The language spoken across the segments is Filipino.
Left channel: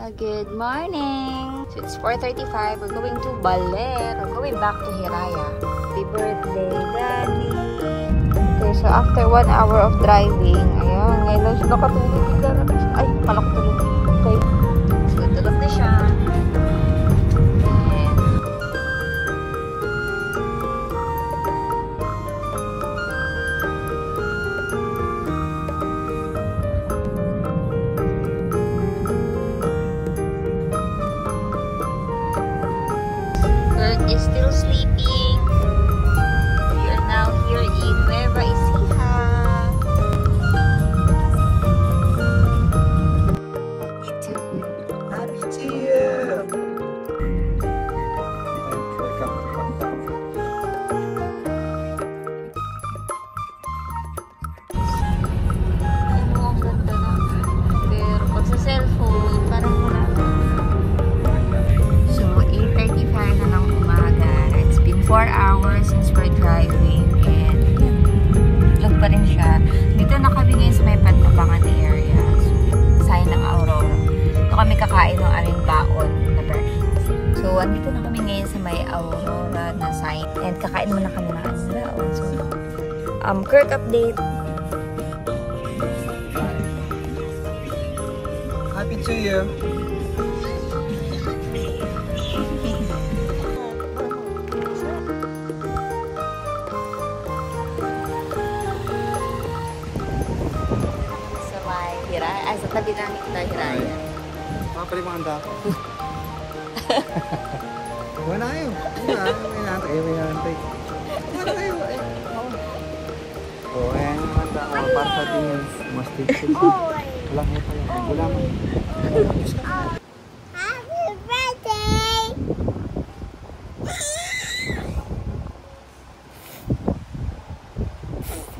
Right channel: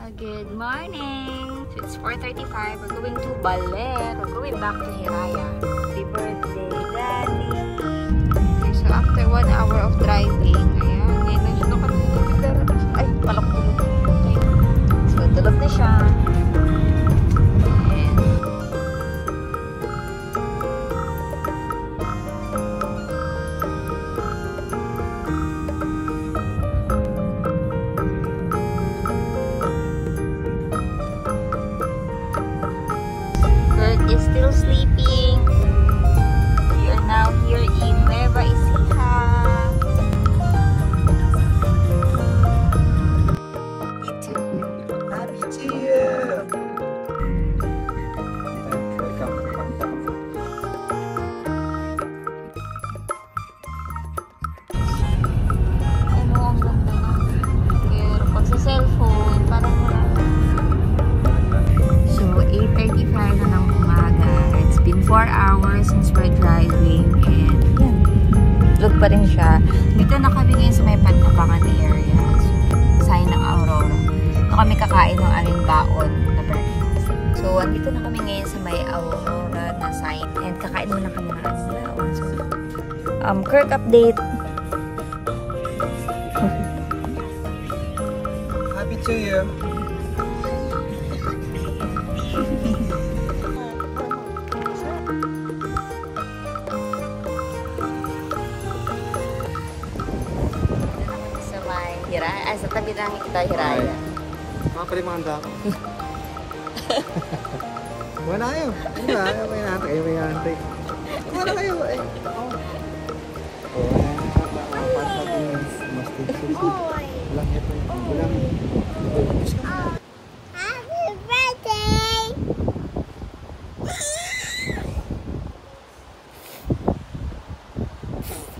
Good morning! So it's 4:35. We're going to Baler. We're going back to Hiraya. Happy birthday, Daddy! Okay, so after 1 hour of driving, ayan, ngayon lang siya nakatulog. Ay, palak tulog. Okay. So, tulog na siya. Is still sleeping. We are now here in Nueva Ecija. Happy to you. Ano, ang ganda na. Pero pag sa cellphone, parang wala. So, 8:35 na ng umaga. It's been 4 hours since we're driving. And, yan. Tulog pa rin siya. Dito na kami ngayon sa may Pantabangan area. So, sign ng Aurora. Ito kami kakain ng alimbaon na breakfast. So, andito na kami ngayon sa may Aurora na sign. And kakain muna kami ng alimbaon. So, Kirk update. Happy to you. Hiraya. Ay, sa tabi ng Hiraya. Makapalimanda ako. Wala kayo. May nantay. May nantay. Wala kayo. Oo, eh. Para sa atin, mas tigil. Wala mo pa. Wala mo. Happy birthday!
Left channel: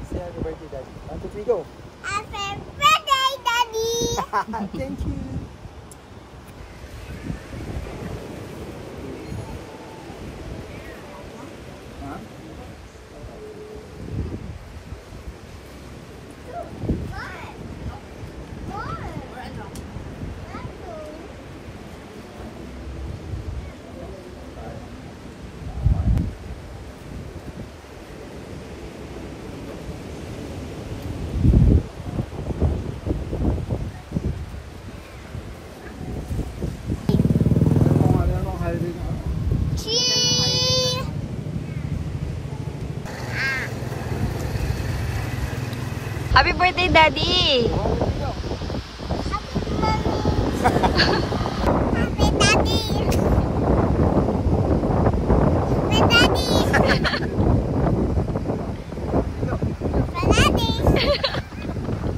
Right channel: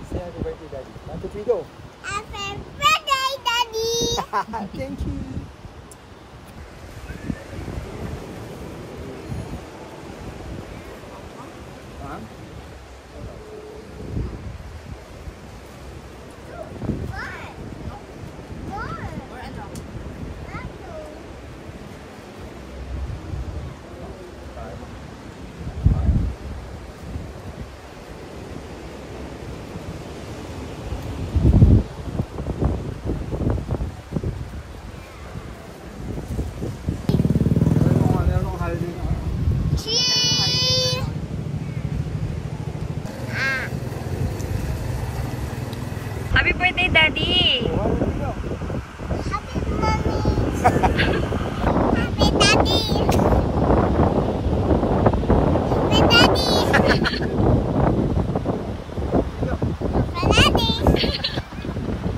Say happy birthday, Daddy. 1, 2, 3, go. Happy birthday, Daddy! Thank you. Ma'am? Happy birthday, Daddy! Happy mommy! Happy daddy! Happy daddy! Happy daddy!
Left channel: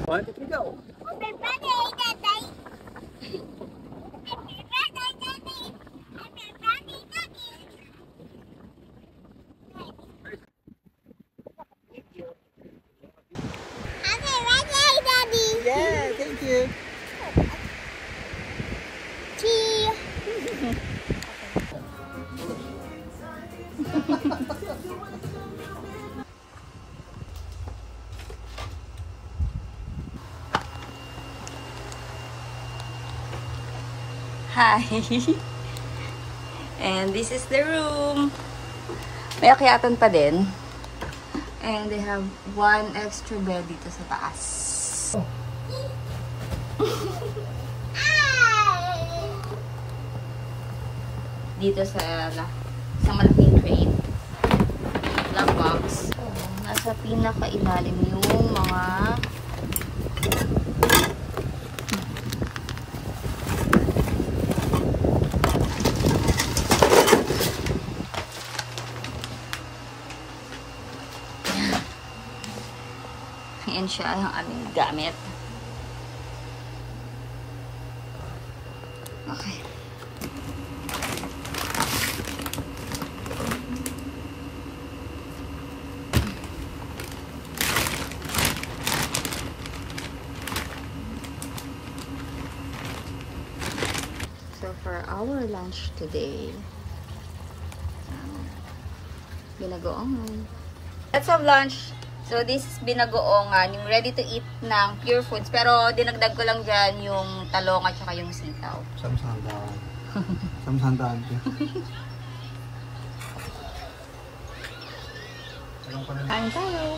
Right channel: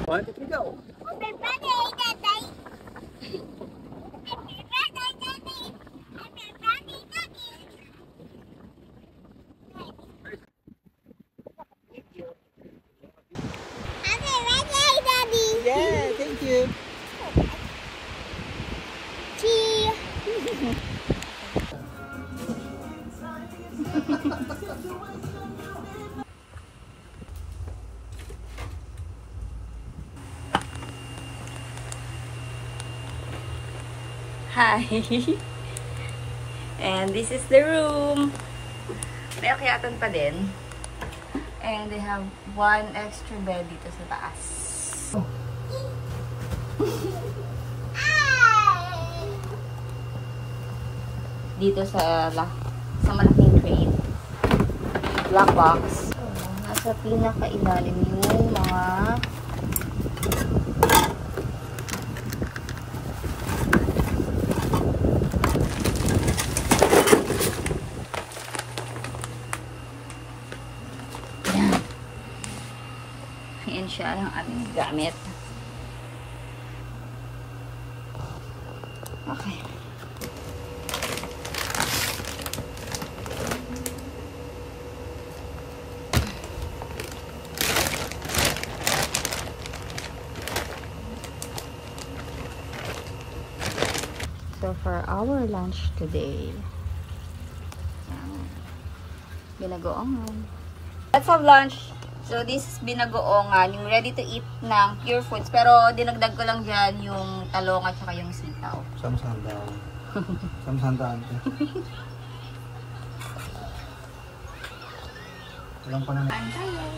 1, 2, 3, go. Happy birthday, Daddy! Happy birthday, Daddy! Happy birthday, Daddy! Happy birthday, Daddy! Yeah, thank you. Cheese! Hi! And this is the room. May akyatan pa din. And they have 1 extra bed dito sa taas. Dito sa malaking crate. Black box. So, nasa pinakailalim yung mga yan siya ang aming gamit. Okay. So for our lunch today, binagoongan. Let's have lunch. So, this is binagoongan, yung ready to eat ng Pure Foods. Pero, dinagdag ko lang dyan yung talong at saka yung sitaw. Samsandaan. Samsandaan ko. Walang pa na. Kain tayo.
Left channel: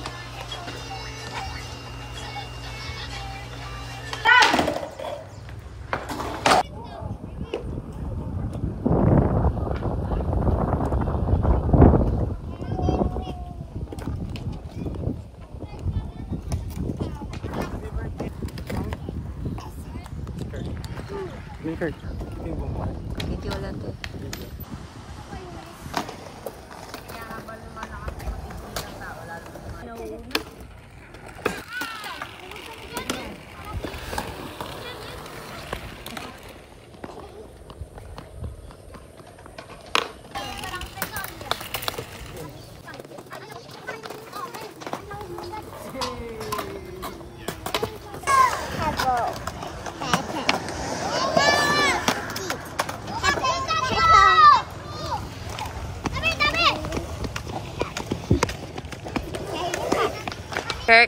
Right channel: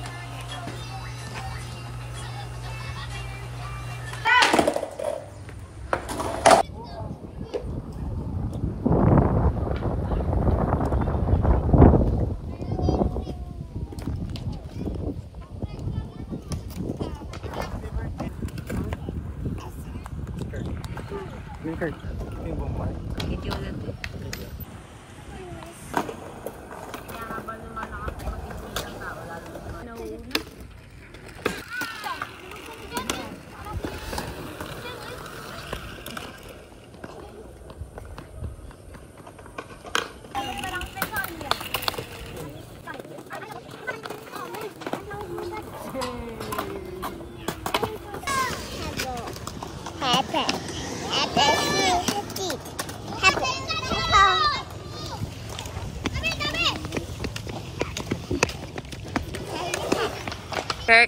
Kurt. Yung bumpay. Video lang to.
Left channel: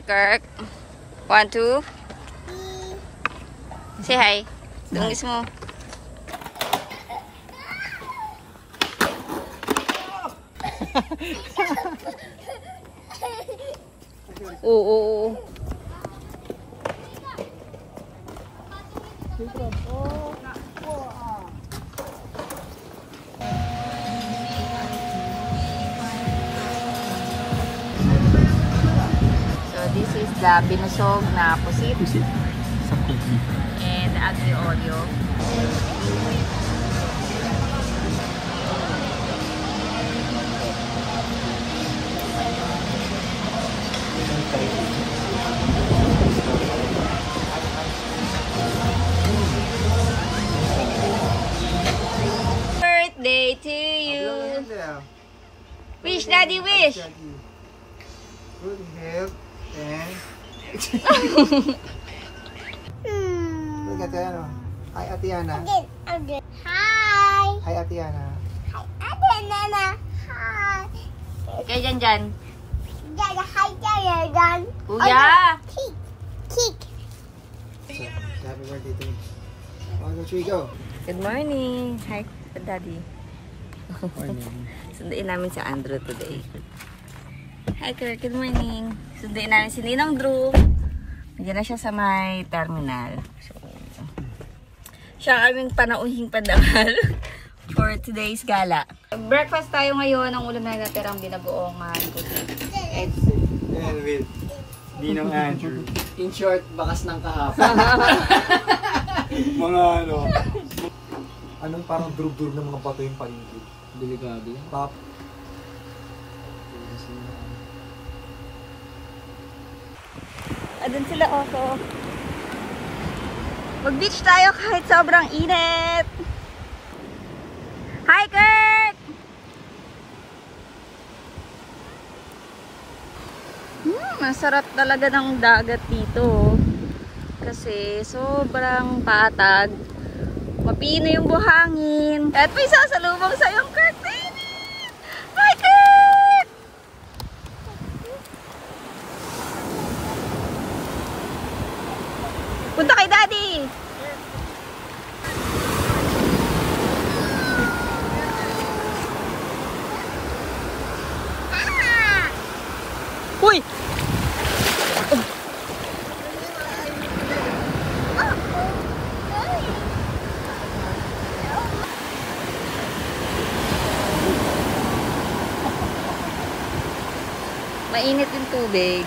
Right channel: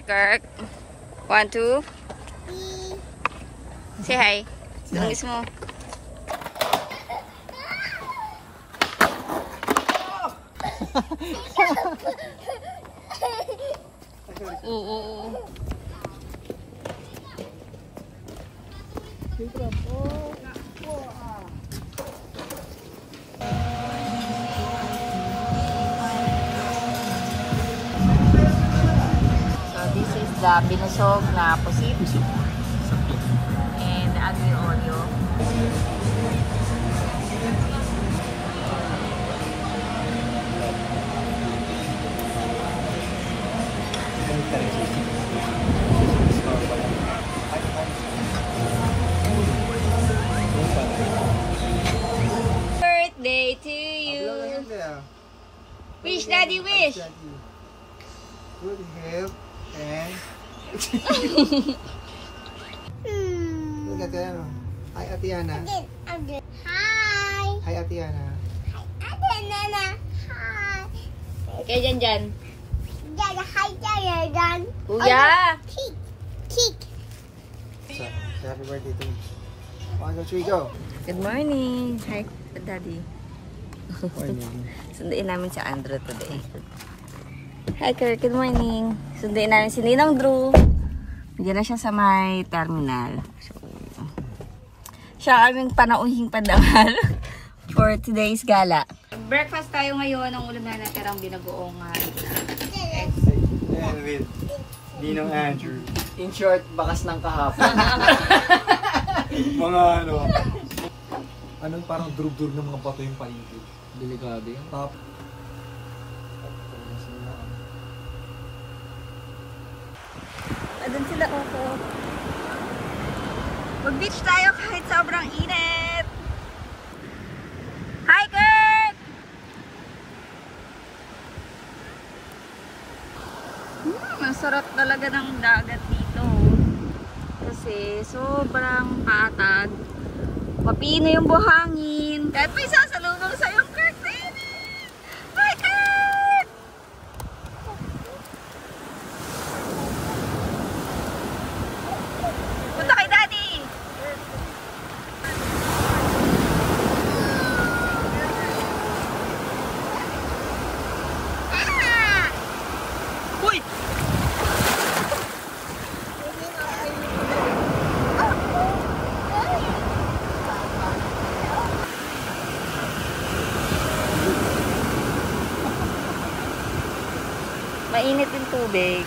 Kirk. 1, 2. Say hi. Tungis mo. Oo. This is the binusog na pusit and the aglio olio. Birthday to you. Wish, Daddy, wish. Good health and... Look at that. Hi, Atiana. Hi. Hi, Atiana. Hi, Nana. Hi. Kaya dyan. Dada, hi, Dada. Kuya! Kick. Kick. So, happy birthday to you. 1, 2, 3, go. Good morning. Hi, Daddy. Morning. Sunduin namin si Andrew today. Hi, Kirk. Good morning. Sunduin namin si Ninang Drew. Diyan na siya sa may terminal. So, siya aming panauhing pandangal for today's gala. Breakfast tayo ngayon. Ang ulam na natirang binagoongan. And with Ninong Andrew. In short, bakas ng kahapon. Mga ano. Anong parang drug-drug ng mga bato yung paligid. Delikado yan. Top. Adun sila ako. Mag-beach tayo kahit sobrang init. Hi, Kurt! Masarap talaga ng dagat dito. Kasi sobrang patag. Mapino yung buhangin. At may sasalubong sa yung curtain. Hi, Kurt! Punta kay Daddy. Uy! Mainit yung tubig.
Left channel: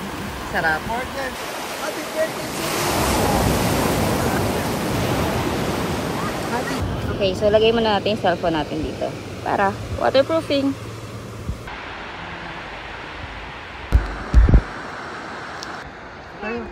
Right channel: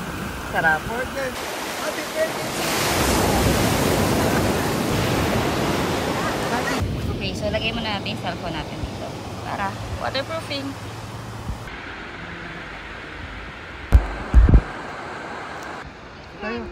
Sarap. Happy birthday! Okay, so lagay muna natin yung cellphone natin dito. Para waterproofing. Tayo.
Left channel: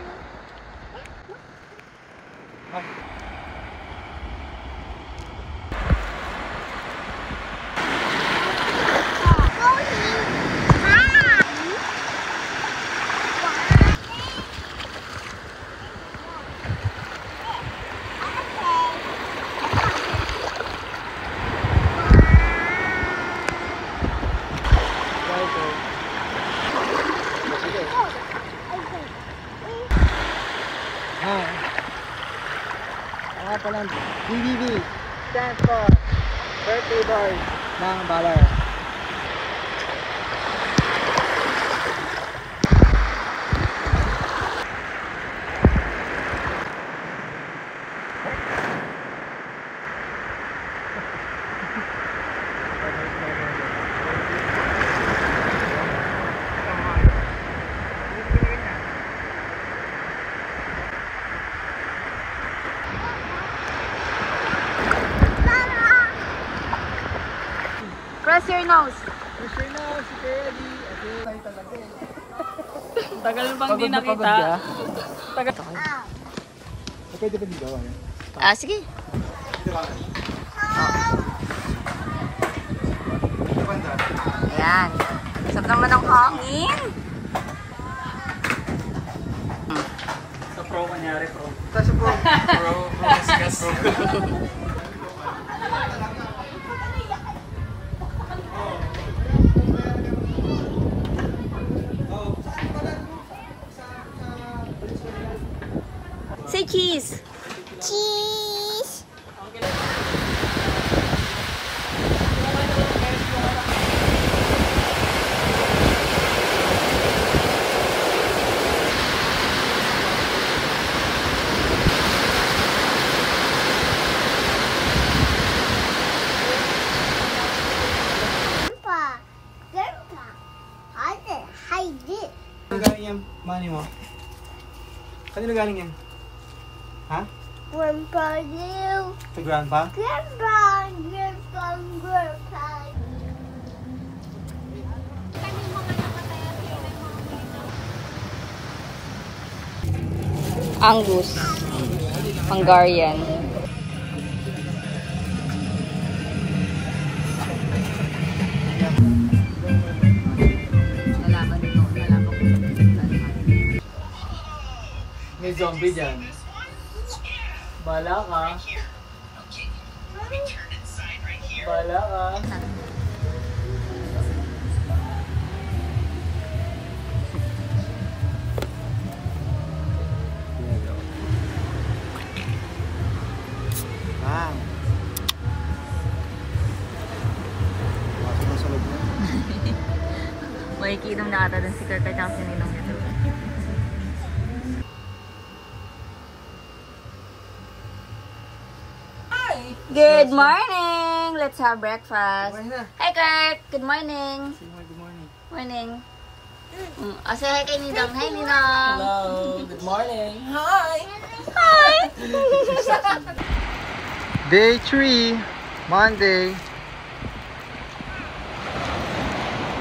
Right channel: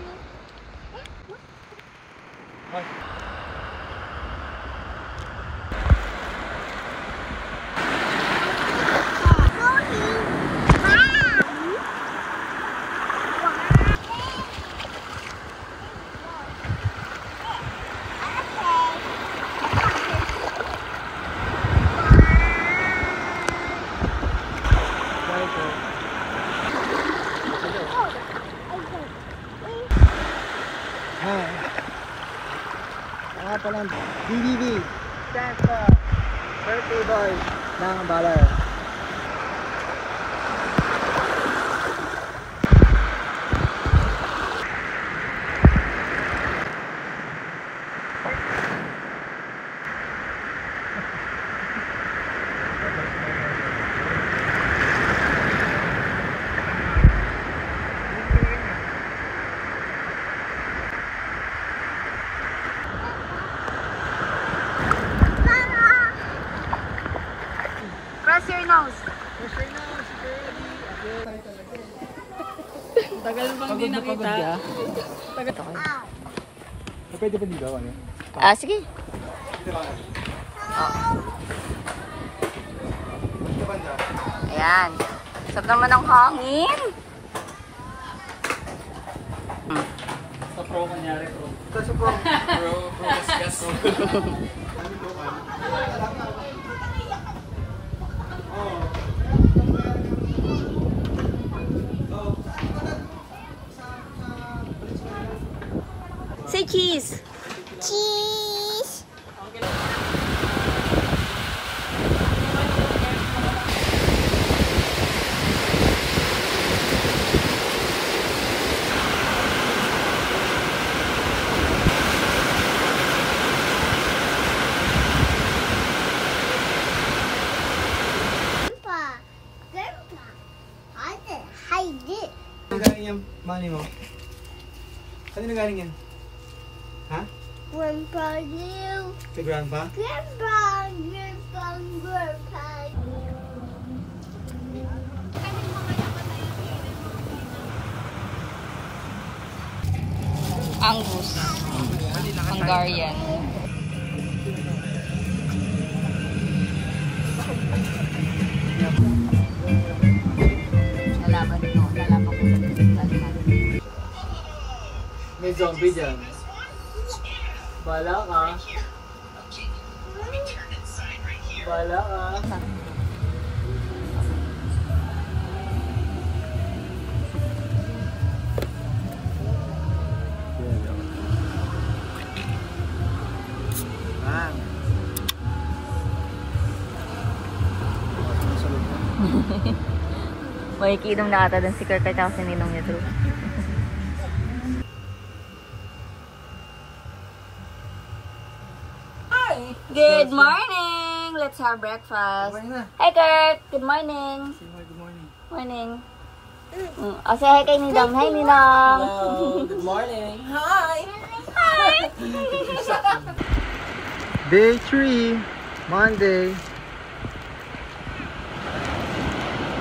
pala. BBB. Stand for birthday boy ng Baler. Press your nose. Tagal bang Pagod di na pagod nakita? ka? Pwede ba din daw? Ah, sige. Ayan. Sarap naman ang hangin. Sa pro kanyari pro. Kasi bro. Say cheese. Cheese. Grandpa. Grandpa. Hide it. Kanino galing yung money mo? Kanino galing yan? Ha? Grandpa, you. Kay grandpa? Grandpa, grandpa, grandpa. Angus. Hungarian. Nalaman ko. Nalaman ko. May zombie dyan. Bala ka. Bala ka. Bang! Makikinom na ata dun si Kirk at si Ninong niya true. Good morning! Let's have breakfast. Hi Kirk! Good morning! Good morning. Morning. Say hi kay Ninang. Hi Ninang! Hello, good morning. Day 3, Monday.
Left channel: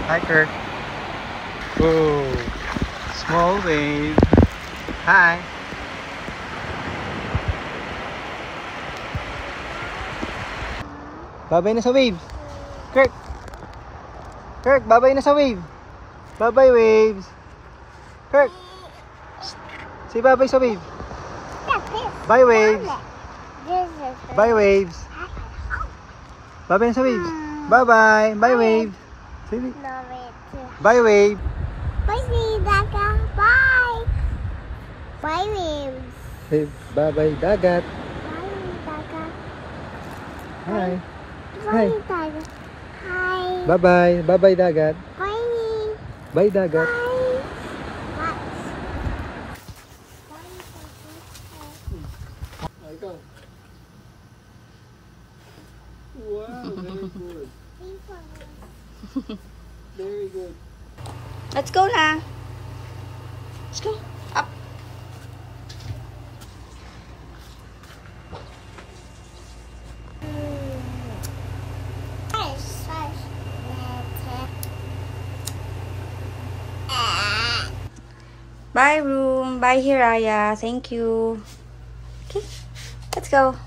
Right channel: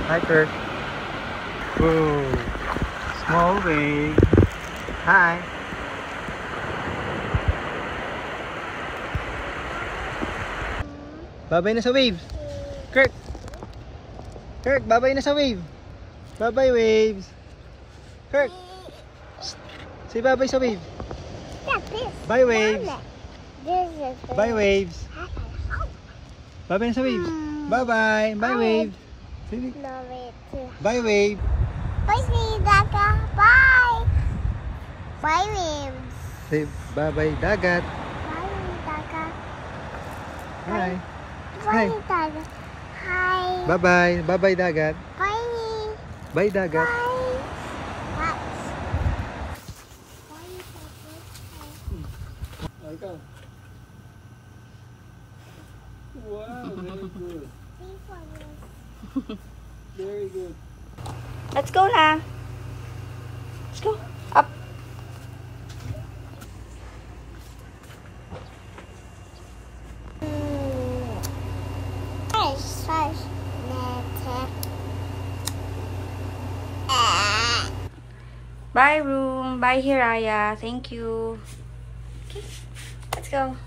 Hi, Kirk. Whoa. Small wave. Hi. Babay na sa wave. Kirk. Kirk, babay na sa wave. Babay, waves. Kirk. Say babay sa wave. Bye, waves. Bye, waves. Babay na sa waves. Bye-bye. Bye, waves. Say bye, wave. Bye, Daga. Bye. Bye, waves. Say bye-bye, dagat. Bye, Daga. Hi. Bye, Daga. Hi. Bye-bye. Bye-bye, dagat. Bye. Bye, dagat. Bye. Bye. Oh, ikaw. Wow, very good. Very good. Let's go na! Let's go! Up! Bye room! Bye Hiraya! Thank you! Okay, let's go!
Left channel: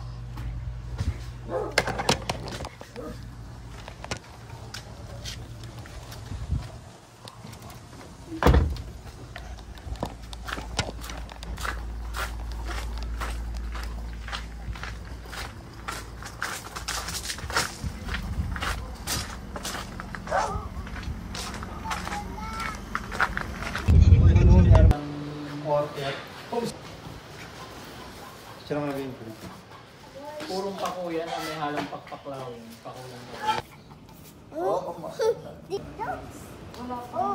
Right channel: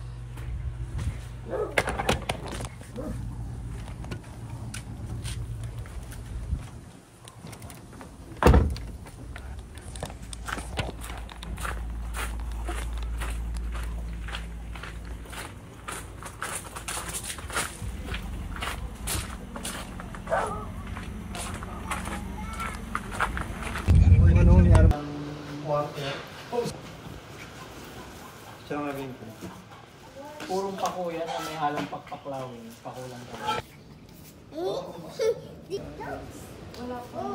Siya lang naging may halang pakpaklawin. Pakulang.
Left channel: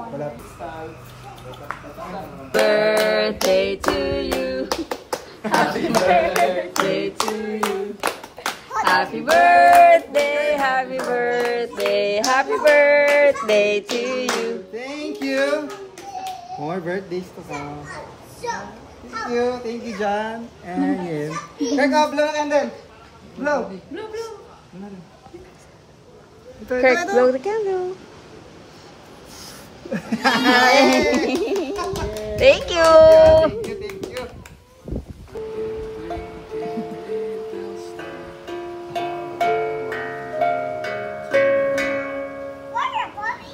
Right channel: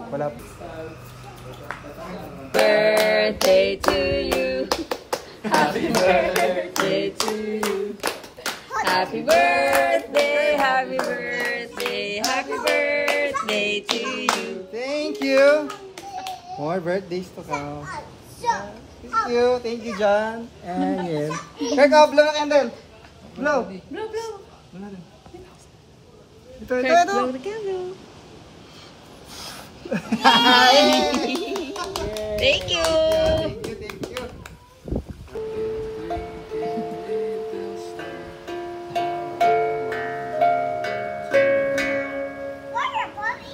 Wala. Birthday to you. Happy birthday to you. Happy birthday, happy birthday, happy birthday to you. Thank you. More birthdays to come. Thank you, John. And yes. Kirk, blow the candle. Blow. Blow. Ito. Kirk, blow the candle. Thank you. Thank you. Water, Bobby.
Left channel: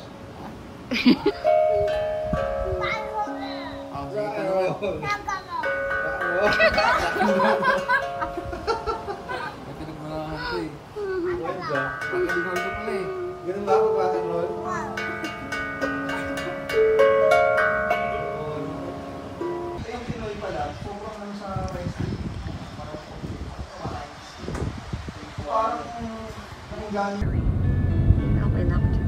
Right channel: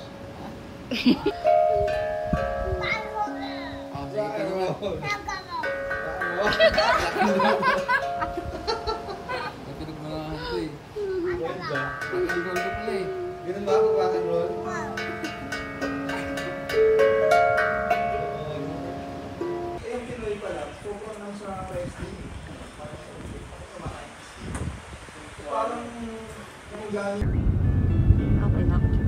Ganun ba ako rock and roll? Yung Pinoy pala, sobrang lang sa wrestling. Parang nanggaling. Okay na ako.